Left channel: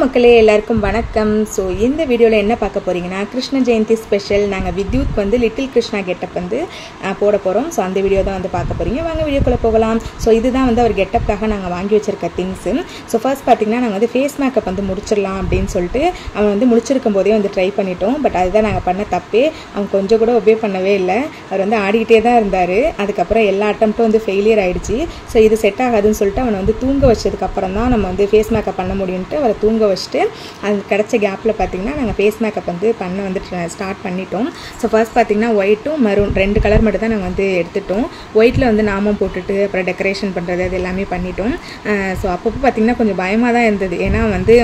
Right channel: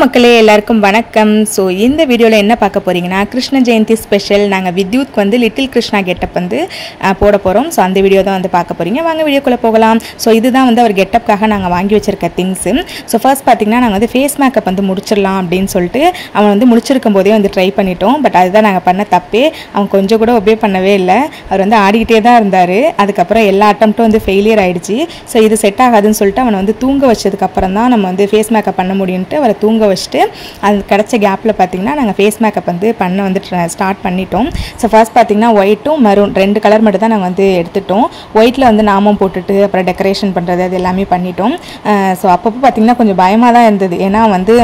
மக்களே எல்லாருக்கும் வணக்கம். ஸோ இந்த வீடியோவில் என்ன பார்க்க போகிறீங்கன்னா கிருஷ்ண ஜெயந்தி ஸ்பெஷல். நாங்கள் வித்யுத் வந்து லிட்டில் கிருஷ்ணா கெட்டப் வந்து போட போகிறோம். ஸோ அந்த வீடியோ தான் வந்து பார்க்க போகிறீங்க. வாங்க வீடியோக்குள்ளே போகலாம். ஸோ இதுதான் வந்து அவர் கெட்டப்காக நாங்கள் வாங்கி வச்சிருக்க திங்ஸு. ஸோ ஃபர்ஸ்ட் பார்த்திங்கன்னா நாங்கள் வந்து ஃபேஸ் மேக்கப் வந்து முடிச்சிடலாம் அப்படின்னு சொல்லிட்டு அவன் வந்து முடிச்சிருக்கும் போதே வந்து ட்ரை பண்ணிட்டோம். பட் அதுதான் நாங்கள் பண்ண தப்பே. அவன் கொஞ்சம் கூட ஒபே பண்ணவே இல்லை. அவர் வந்து ஆடிக்கிட்டே தான் இருந்தார். அதுக்கப்புறம் எல்லா அட்டம்ப்ட்டும் வந்து ஃபெயிலியர் ஆகிடுச்சு. ஸோ இது செட் ஆகாதுன்னு சொல்லிட்டு அவனை வந்து தூங்க வச்சதுக்கப்புறம் தான் நம்ம வந்து ஃபேஸ் மேக்கப் பண்ண முடியும்ட்டு அவரை தூங்க வச்சுட்டு அது கிடச்ச கேப்பில் பார்த்திங்கன்னா நாங்கள் ஃபேஸ் மேக்கப் வந்து பண்ண வந்து ஸ்டார்ட் பண்ணிட்டோம். ஸோ ஃபர்ஸ்ட் பார்த்திங்கன்னா ஒயிட்டும் மரூன் 2 கலர் மட்டும் தான் நாங்கள் வந்து எடுத்துட்டோம். ஒயிட்டில் வந்து நாமம் போட்டுட்டு அப்புறம் டெக்கரேஷன் பண்ணுறது அது எல்லாமே பண்ணிட்டோம். ஸோ அப்பப்போ பார்த்திங்கன்னா கொஞ்சம் பயமாக தான் இருந்தது. ஏன்னா வந்து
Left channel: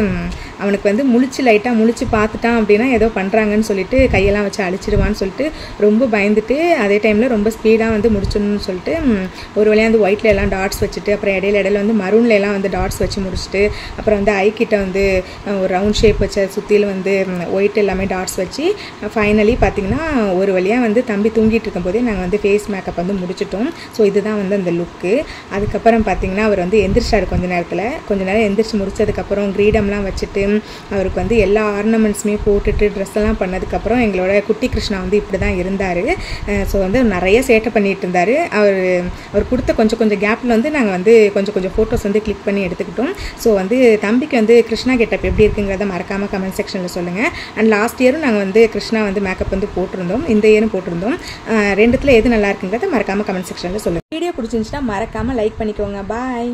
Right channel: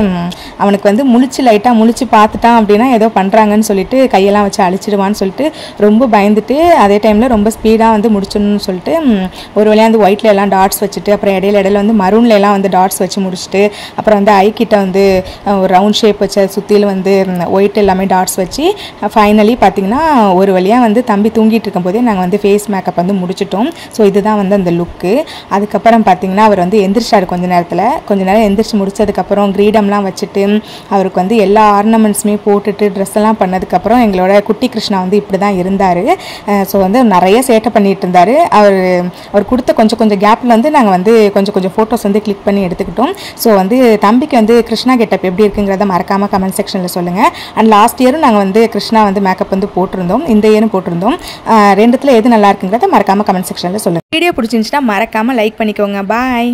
அவனுக்கு வந்து லைட்டாக முழிச்சு பார்த்துட்டான் அப்படின்னா ஏதோ பண்ணுறாங்கன்னு சொல்லிட்டு கையெல்லாம் வச்சு அழிச்சிடுவான்னு சொல்லிட்டு ரொம்ப பயந்துட்டு அதே டைமில் ரொம்ப ஸ்பீடாக வந்து முடிச்சிடணும்னு சொல்லிட்டு ஒரு வழியாக வந்து ஒயிட்டில் எல்லாம் டாட்ஸ் வச்சுட்டு அப்புறம் இடையில வந்து மரூனில் எல்லாம் வந்து டாட்ஸ் வச்சு முடிச்சுட்டு அப்புறம் வந்து ஐ கிட்ட வந்து ஒரு ரவுண்ட் ஷேப் வச்ச சுற்றியில் வந்து ஒயிட் எல்லாமே டாட்ஸ் வச்சு ஃபைனலி பார்த்திங்கன்னா ஒரு வழியாக வந்து தம்பி தூங்கிட்டு இருக்கும்போதே நாங்கள் வந்து ஃபேஸ் மேக்கப் வந்து முடிச்சிட்டோம். ஸோ இதுதான் வந்து அந்த லுக்கு. அதுக்கப்புறம் பார்த்திங்கன்னா அவர் வந்து எந்திரிச்சார். கொஞ்ச நேரம் எந்திரிச்சு முடிச்சதுக்கப்புறம் கிரீடம்லாம் வச்சுட்டு அவருக்கு வந்து எல்லா ஆர்னமெண்ட்ஸுமே போட்டுட்டு ட்ரெஸ் எல்லாம் பண்ணதுக்கப்புறம் எங்களோட குட்டி கிருஷ்ணா வந்து இப்படி தான் இருந்தார். ஸோ வந்து நிறைய சேட்டை பண்ணிட்டு இருந்தார். அவர் கொடுத்த கொஞ்சம் கேப்பில் வந்து நாங்கள் வந்து கொஞ்சம் ஃபோட்டோஸ் வந்து கிளிக் பண்ணி எடுத்துக்கிட்டோம். ஸோ வந்து தம்பிக்கு வந்து கிருஷ்ணா கெட்டப் எப்படி இருக்குங்கிறத மறக்காமல் கமெண்ட் செக்ஷனில் சொல்லுங்கள். அண்ட் லாஸ்ட் இயரும் நாங்கள் வந்து கிருஷ்ணா வந்து மேக்கப் வந்து போட்டிருந்தோம். இந்த இயரும் போட்டிருந்தோம். ரெண்டுத்தில் எது நல்லா இருக்குங்கிறத மறக்காமல் கமெண்ட் செக்ஷனில் சொல்லுங்கள். வீடியோ பிடிச்சிருந்துச்சுன்னா மறக்காமல் லைக் பண்ணிக்கோங்க. பாய்.